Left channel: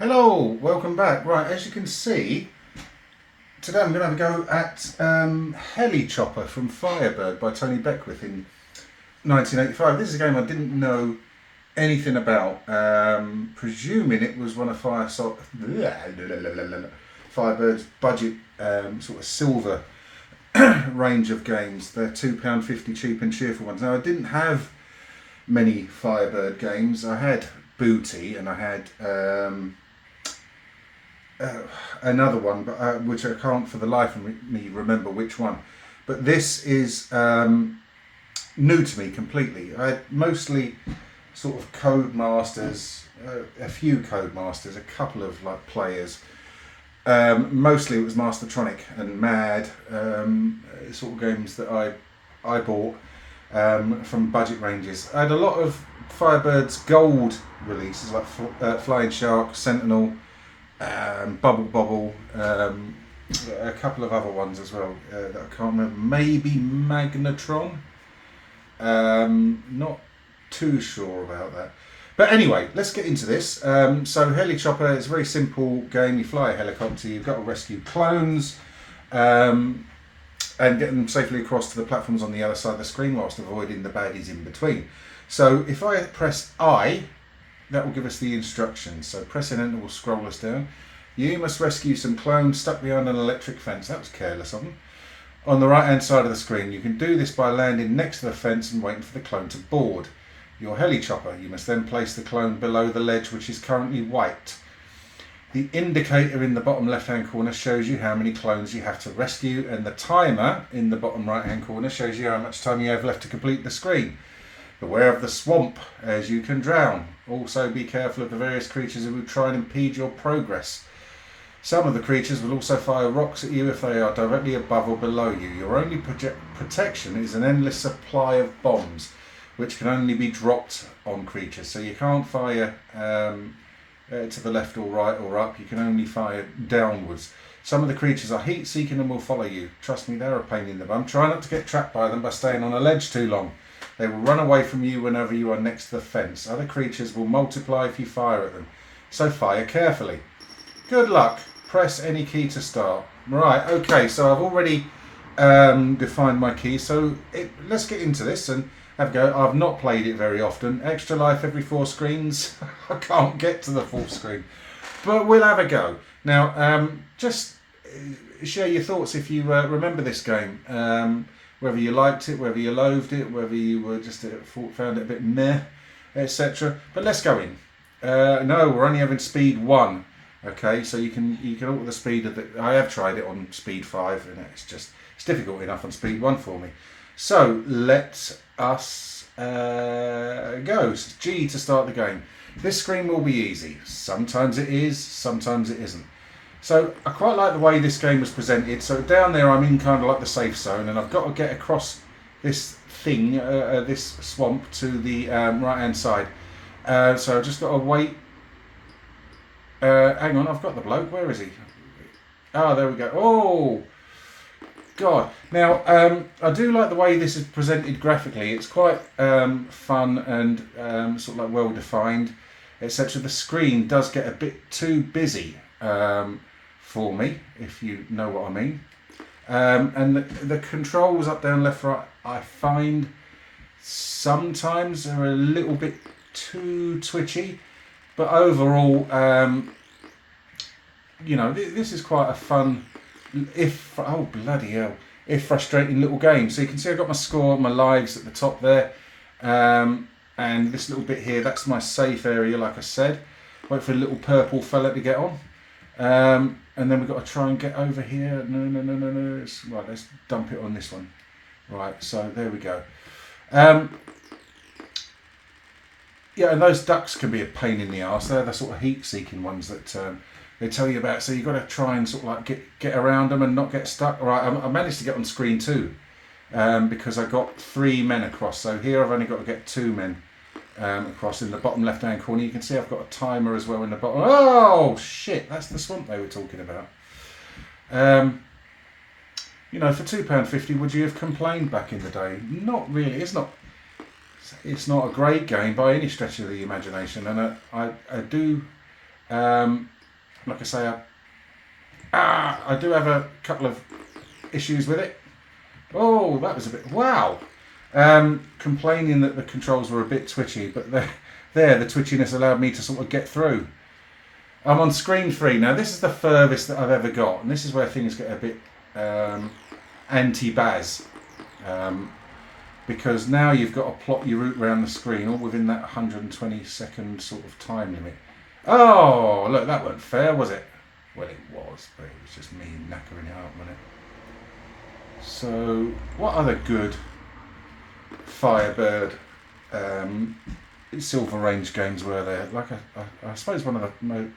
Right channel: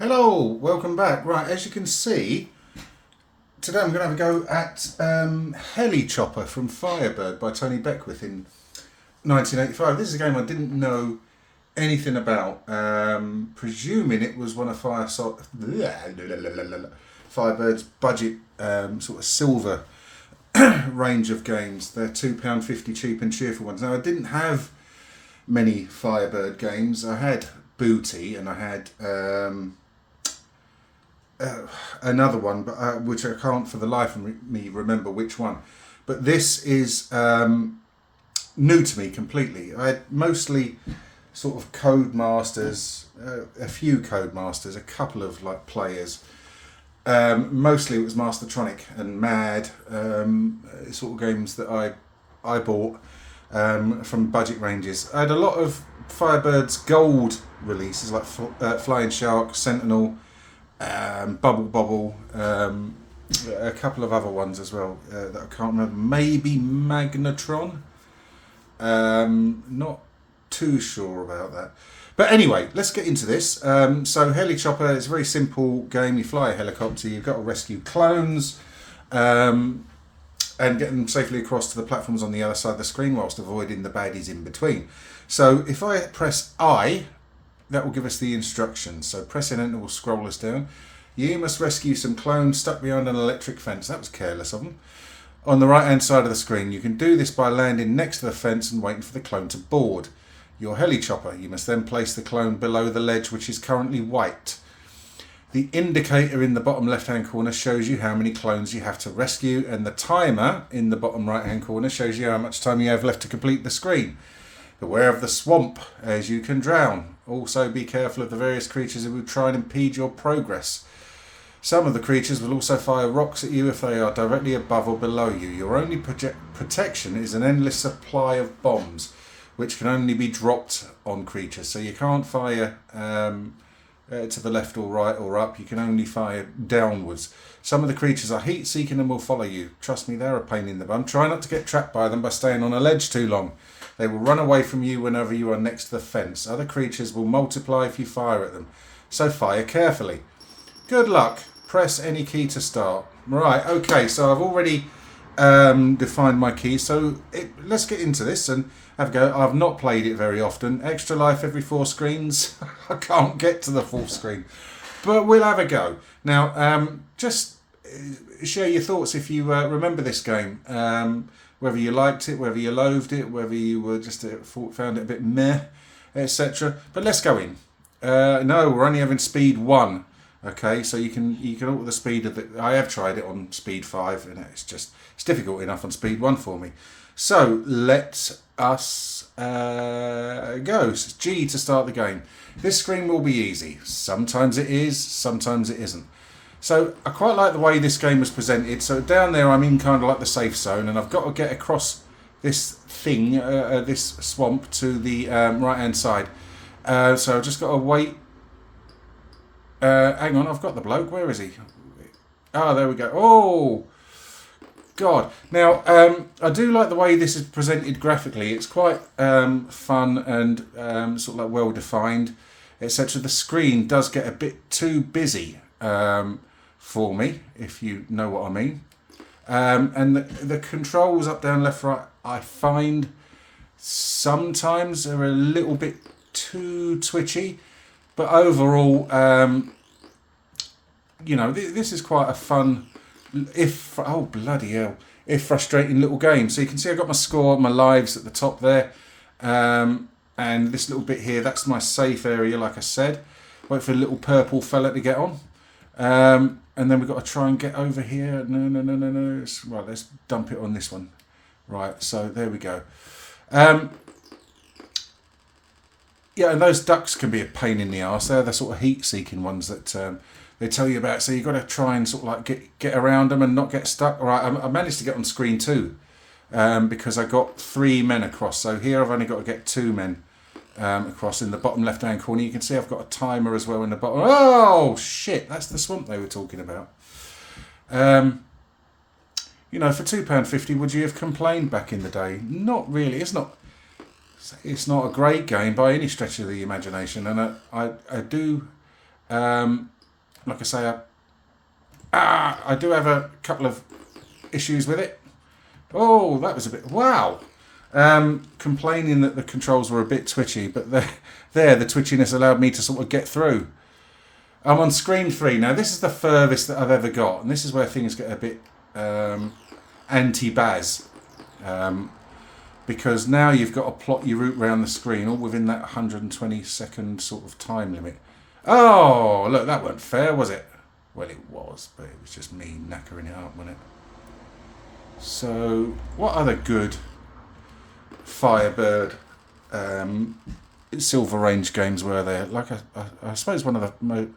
Hello, welcome back. Right, as you can see, today I'm going to have a go at Heli from Firebird by Tony Beckwith in 1985. This is a game I didn't know anything about, presuming it was one of Firebird's budget sort of silver range of games. They're £2.50 cheap and cheerful ones. Now, I didn't have many Firebird games. I had Booty and I had another one, but which I can't for the life of me remember which one. But this is new to me completely. I had mostly sort of Codemasters, a few Codemasters, a couple of like players. Mostly it was Mastertronic and Mad, sort of games that I bought from budget ranges. I had a lot of Firebird's gold releases like Flying Shark, Sentinel, Bubble Bobble, a couple of other ones as well that I can't remember. Maybe Magnetron. Not too sure about that. But anyway, let's get into this. So Heli Chopper is a very simple game. You fly a helicopter, you've got to rescue clones and get them safely across to the platforms on the other side of the screen whilst avoiding the baddies in between. So if I press I, that will give us the instructions. So pressing enter will scroll us down. You must rescue some clones stuck behind an electric fence. That was careless of them. On the right hand side of the screen, you can do this by landing next to the fence and waiting for the clone to board your Heli Chopper. You must then place the clone below the ledge, which is currently white. The indicator in the bottom left hand corner shows you how many clones you have to rescue, and the timer in the bottom right hand corner shows you how much time you have left to complete the screen. Beware of the swamp, as you can drown. Also be careful of the various creatures who will try and impede your progress. Some of the creatures will also fire rocks at you if they are directly above or below you. Your only protection is an endless supply of bombs, which can only be dropped on creatures. So you can't fire to the left or right or up. You can only fire downwards. Some of the creatures are heat-seeking and will follow you. Trust me, they're a pain in the bum. Try not to get trapped by them by staying on a ledge too long. They will run away from you whenever you are next to the fence. Other creatures will multiply if you fire at them, so fire carefully. Good luck. Press any key to start. Right, okay, so I've already defined my key, so let's get into this and have a go. I've not played it very often. Extra life every 4 screens. I can't get to the 4th screen, but we'll have a go. Now, just share your thoughts if you remember this game. Whether you liked it, whether you loathed it, whether you were just found it a bit meh, etc. But let's go in. No, we're only having speed 1. Okay, so you can alter the speed of the. I have tried it on speed 5, and it's difficult enough on speed 1 for me. So let us go. It's G to start the game. This screen will be easy. Sometimes it is, sometimes it isn't. So I quite like the way this game was presented. So down there I'm in kind of like the safe zone, and I've got to get across this thing, this swamp, to the right hand side. So I've just got to wait. Hang on, I've got the bloke. Where is he? Oh, there we go. Oh, God. Now, I do like the way this is presented graphically. It's quite fun and sort of like well defined, etc. The screen does get a bit too busy for me, if you know what I mean. And the controls up, down, left, right, I find sometimes are a little bit too twitchy. But overall, this is quite a fun, if frustrating little game. So you can see I've got my score, my lives at the top there. And this little bit here, that's my safe area, like I said. Wait for a little purple fella to get on. And then we've got to try and get over here. No. Right, let's dump it on this one. Right, so there we go. Yeah, and those ducks can be a pain in the arse. They're the sort of heat-seeking ones that they tell you about. So you've got to try and sort of like get around them and not get stuck. All right, I managed to get on screen 2 because I got 3 men across. So here I've only got to get 2 men across in the bottom left-hand corner. You can see I've got a timer as well in the bottom. Oh, shit, that's the swamp they were talking about. For £2.50, would you have complained back in the day? Not really. It's not a great game by any stretch of the imagination, and I do Like I say, I do have a couple of issues with it. Oh, that was a bit... Wow! Complaining that the controls were a bit twitchy, but the twitchiness allowed me to sort of get through. I'm on screen 3 now. This is the furthest that I've ever got, and this is where things get a bit anti-Baz. Because now you've got to plot your route around the screen all within that 120 second sort of time limit. Oh, look, that wasn't fair, was it? Well, it was, but it was just me knackering it up, wasn't it? So, what other good Firebird Silver Range games were there? Like, I suppose one of the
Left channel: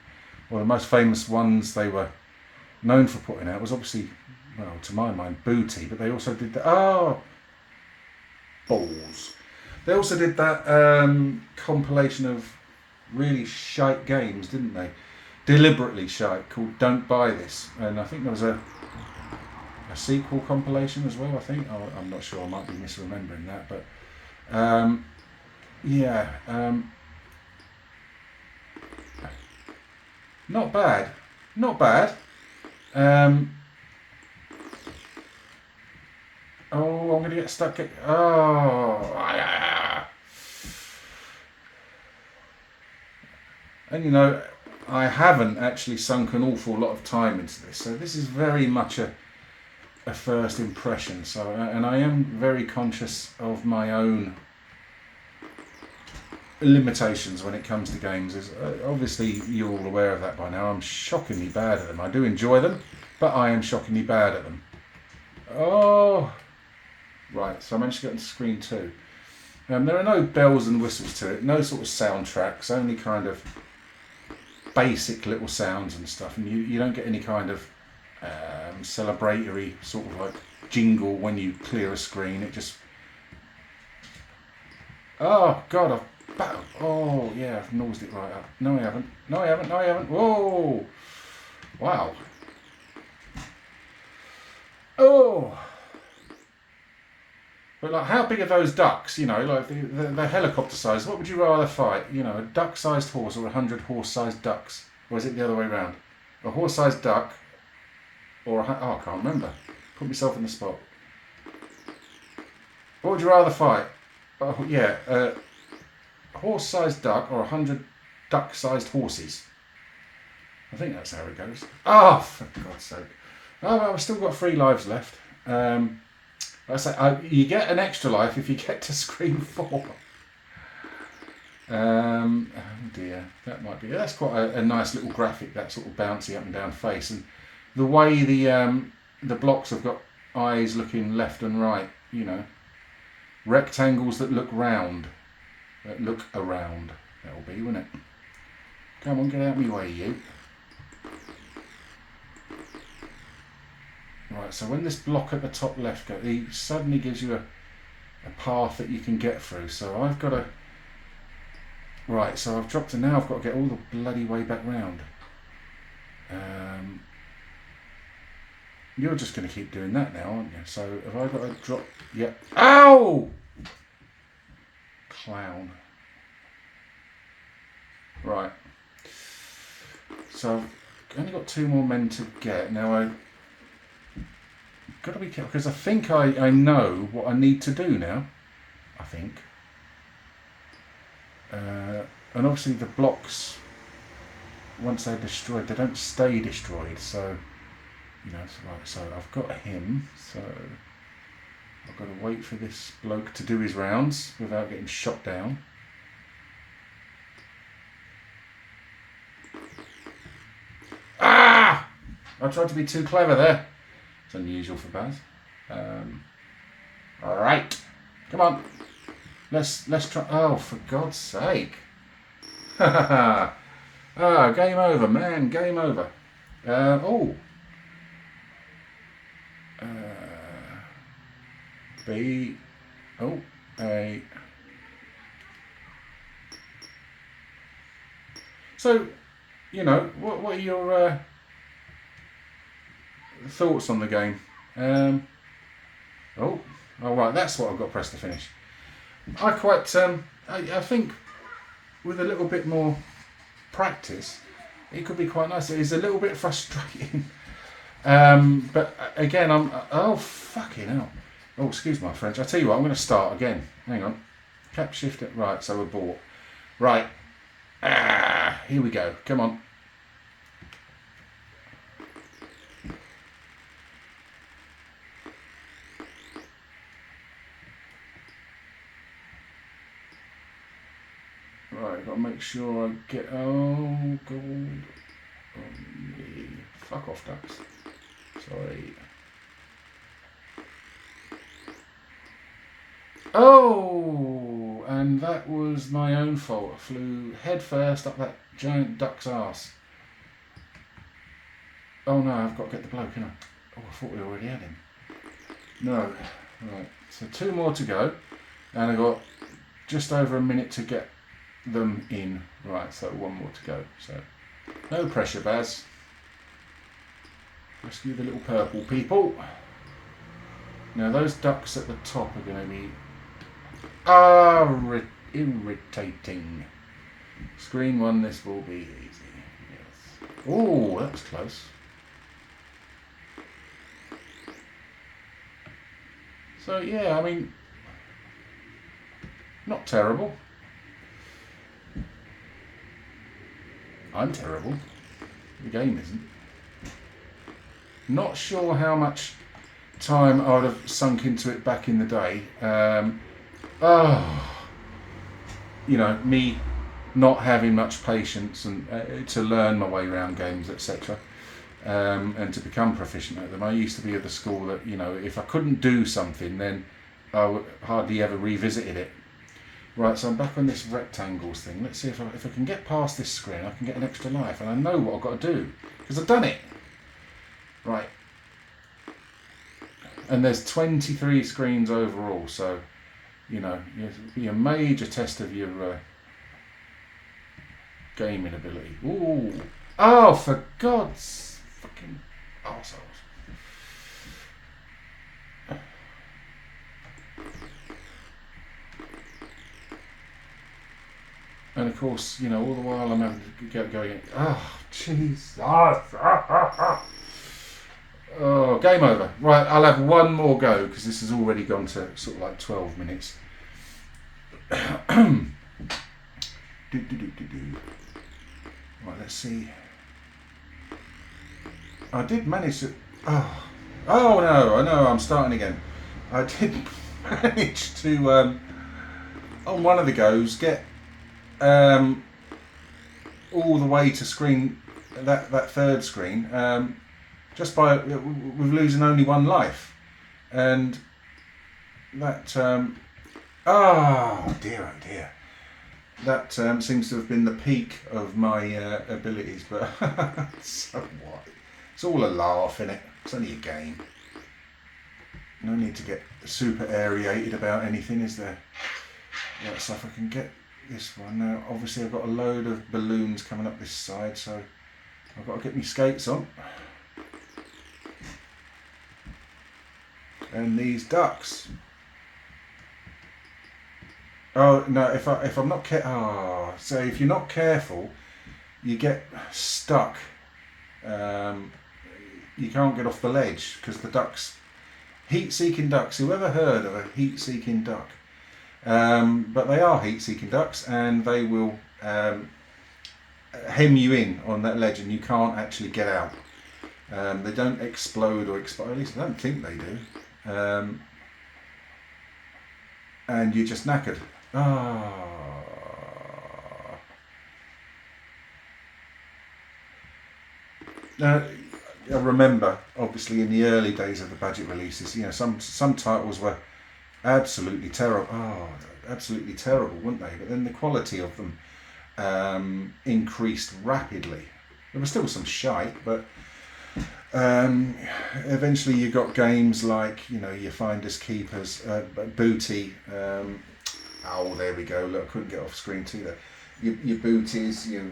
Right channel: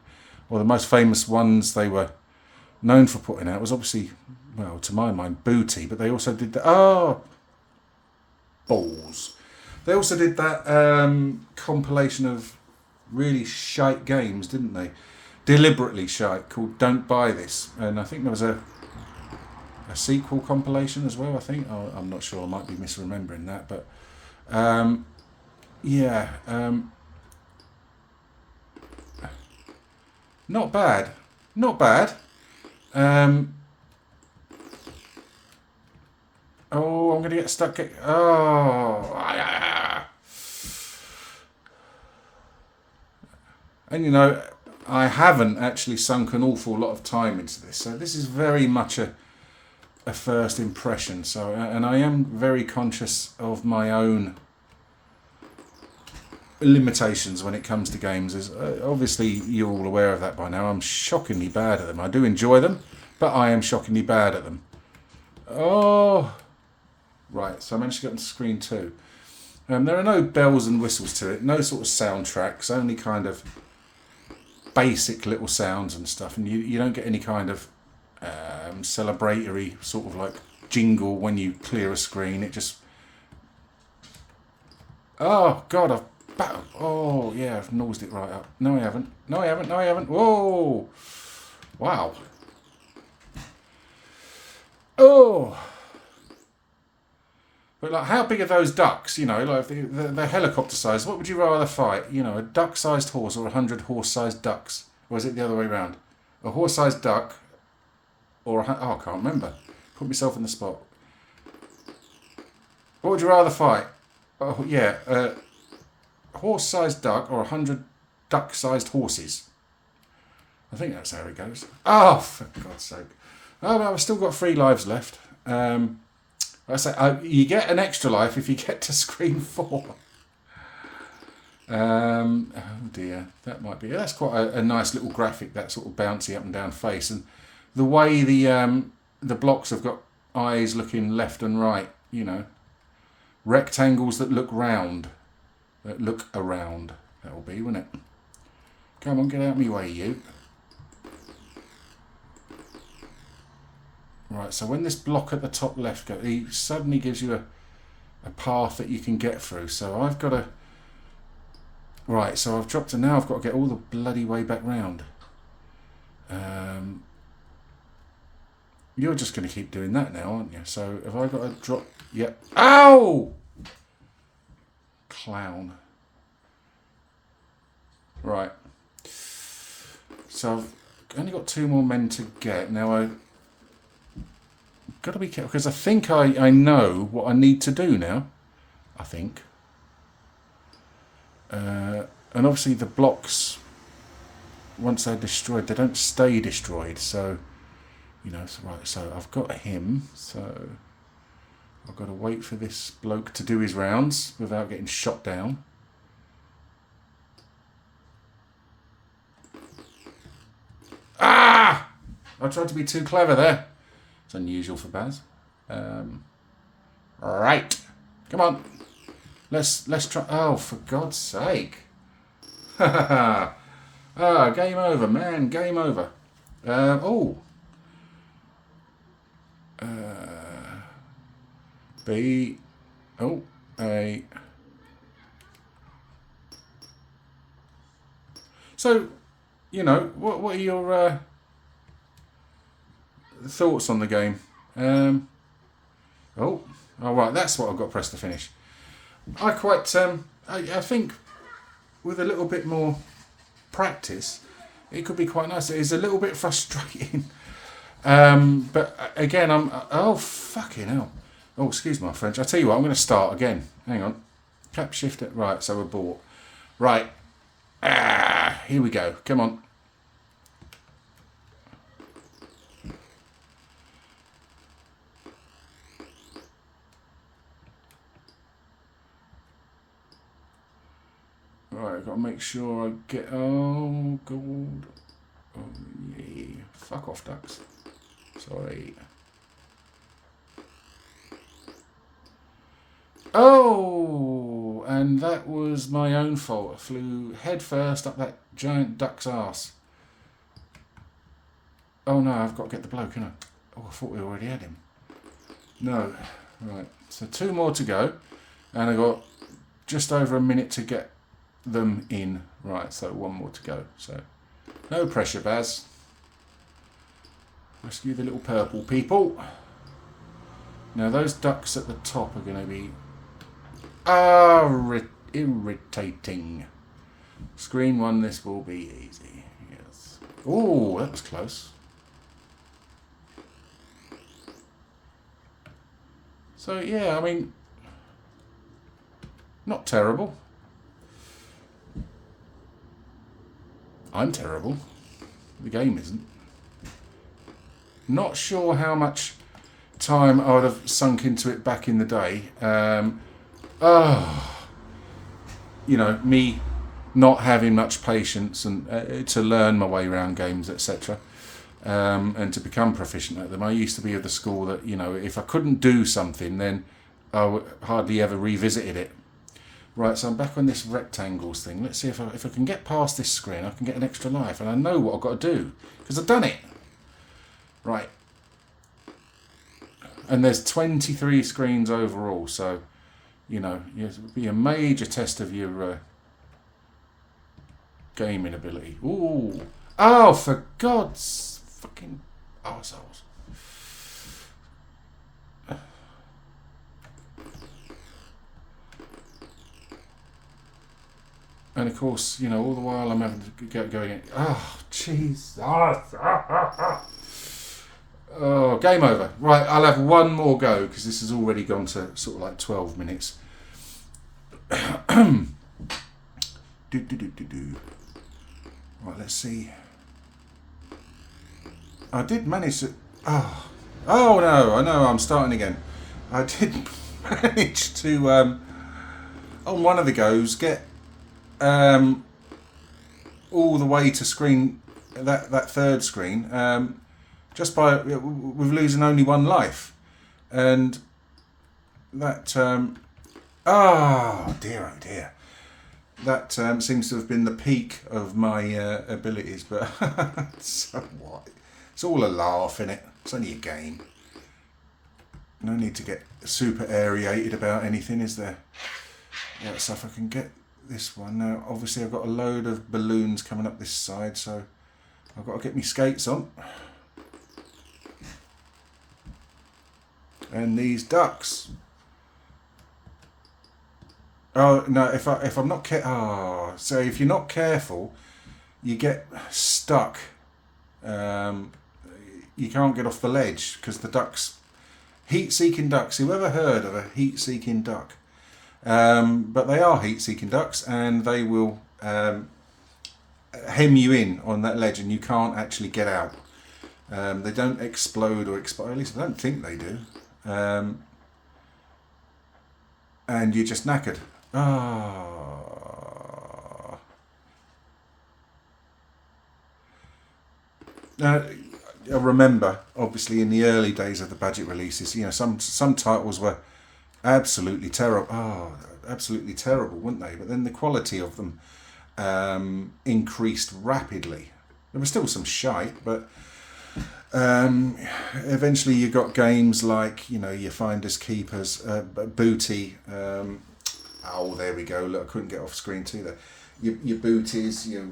most famous ones they were known for putting out was obviously, well, to my mind, Booty, but they also did balls. They also did that compilation of really shite games, didn't they? Deliberately shite, called Don't Buy This. And I think there was a sequel compilation as well, I think. I'm not sure, I might be misremembering that. But, yeah. Not bad. Not bad. Oh, I'm going to get stuck. And you know, I haven't actually sunk an awful lot of time into this, so this is very much a first impression. So, and I am very conscious of my own limitations when it comes to games. Is obviously you're all aware of that by now. I'm shockingly bad at them. I do enjoy them, but I am shockingly bad at them. Oh, right. So I managed to get onto screen 2. There are no bells and whistles to it. No sort of soundtracks. Only kind of basic little sounds and stuff, and you don't get any kind of celebratory sort of like jingle when you clear a screen. It just... Oh, God, oh, yeah, I've nosed it right up. No, I haven't. No, I haven't. No, I haven't. Whoa! Wow. Oh! But like, how big are those ducks? You know, like the helicopter size. What would you rather fight? You know, a duck-sized horse or 100 horse-sized ducks? Or is it the other way around? A horse-sized duck or I can't remember. Put myself on the spot. What would you rather fight? Oh, yeah, a horse-sized duck or 100 duck-sized horses? I think that's how it goes. Oh, for God's sake. Oh, well, I've still got 3 lives left. I say you get an extra life if you get to screen 4. Oh dear, that might be. That's quite a nice little graphic. That sort of bouncy up and down face, and the way the blocks have got eyes looking left and right. You know, rectangles that look round, that look around. That'll be, won't it? Come on, get out of my way, you. Right, so when this block at the top left goes, he suddenly gives you a path that you can get through. So I've got to... Right, so I've dropped, and now I've got to get all the bloody way back round. You're just going to keep doing that now, aren't you? So have I got to drop... Yep. Ow! Clown. Right. So I've only got 2 more men to get. Now I've got to be careful, because I think I know what I need to do now. I think. And obviously the blocks, once they're destroyed, they don't stay destroyed. So, you know, so, right, so I've got him. So I've got to wait for this bloke to do his rounds without getting shot down. Ah! I tried to be too clever there. It's unusual for Baz. Right. Come on. Let's try. Oh, for God's sake. Ah, game over, man. Game over. B. Oh, A. So, you know, what are your thoughts on the game? All right, that's what I've got pressed to finish. I quite, I think with a little bit more practice, it could be quite nice. It is a little bit frustrating. But again, oh, fucking hell. Oh, excuse my French. I'll tell you what, I'm going to start again. Hang on. Cap shift it. Right, so abort. Right. Here we go. Come on. Right, I've got to make sure I get... Oh, gold. Oh, yeah. Fuck off, ducks. Sorry. Oh, and that was my own fault. I flew head first up that giant duck's ass. Oh no, I've got to get the bloke, haven't I? Oh, I thought we already had him. No. Right, so 2 more to go. And I've got just over a minute to get them in. Right, so 1 more to go. So no pressure, Baz. Rescue the little purple people. Now those ducks at the top are going to be irritating. Screen 1, this will be easy. Yes. Oh, that was close. So yeah, I mean, not terrible. I'm terrible. The game isn't. Not sure how much time I would have sunk into it back in the day. You know, me not having much patience and to learn my way around games, etc. And to become proficient at them. I used to be of the school that, you know, if I couldn't do something, then I hardly ever revisited it. Right, so I'm back on this rectangles thing. Let's see if I can get past this screen, I can get an extra life. And I know what I've got to do, because I've done it. Right. And there's 23 screens overall, so, you know, it'll be a major test of your gaming ability. Ooh. Oh, for God's fucking arseholes. And of course, you know, all the while I'm having to get going, oh, jeez. Oh, game over. Right, I'll have 1 more go, because this has already gone to sort of like 12 minutes. Right, let's see. I did manage to... Oh no, I know, I'm starting again. I did manage to, on one of the goes, get all the way to screen, that third screen, just by with losing only 1 life. And that, oh dear. That seems to have been the peak of my abilities, but so what? It's all a laugh, innit? It's only a game. No need to get super aerated about anything, is there? Right, so if I can get this one now, obviously I've got a load of balloons coming up this side, so I've got to get my skates on. And these ducks. Oh no! If I'm not so if you're not careful, you get stuck. You can't get off the ledge because the ducks, heat-seeking ducks. Whoever heard of a heat-seeking duck? But they are heat-seeking ducks, and they will hem you in on that ledge, and you can't actually get out. They don't explode or expire. At least I don't think they do. And you're just knackered. Now, I remember, obviously, in the early days of the budget releases, you know, some titles were absolutely terrible. Absolutely terrible, weren't they? But then the quality of them increased rapidly. There was still some shite, but eventually you got games like, you know, your Finders Keepers, Booty. Oh, there we go. Look, I couldn't get off screen too there. Your Booties, your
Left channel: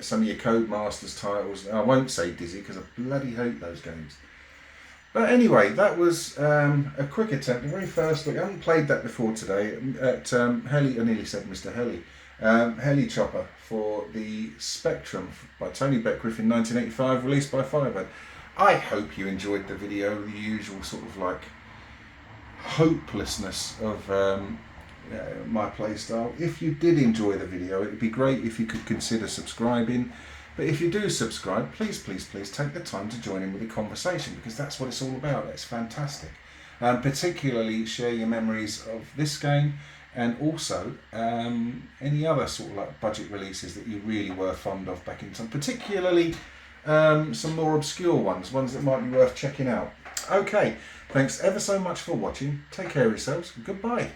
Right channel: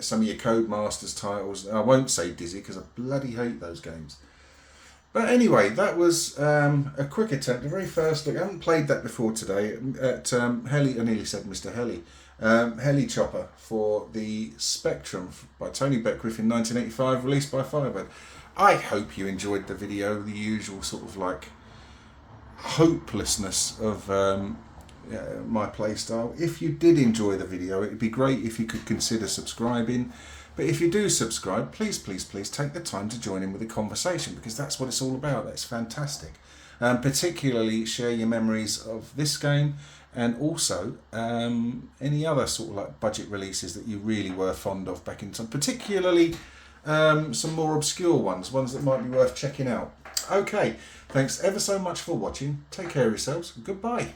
some of your Codemasters titles. I won't say Dizzy because I bloody hate those games. But anyway, that was a quick attempt. The very first look. I haven't played that before today at Heli. I nearly said Mr. Heli. Heli Chopper for the Spectrum by Tony Beckwith in 1985, released by Firebird. I hope you enjoyed the video, the usual sort of like hopelessness of my playstyle. If you did enjoy the video, it would be great if you could consider subscribing. But if you do subscribe, please take the time to join in with the conversation, because that's what it's all about. It's fantastic. Particularly share your memories of this game, and also any other sort of like budget releases that you really were fond of back in time, particularly some more obscure ones that might be worth checking out. Okay, thanks ever so much for watching. Take care of yourselves. Goodbye.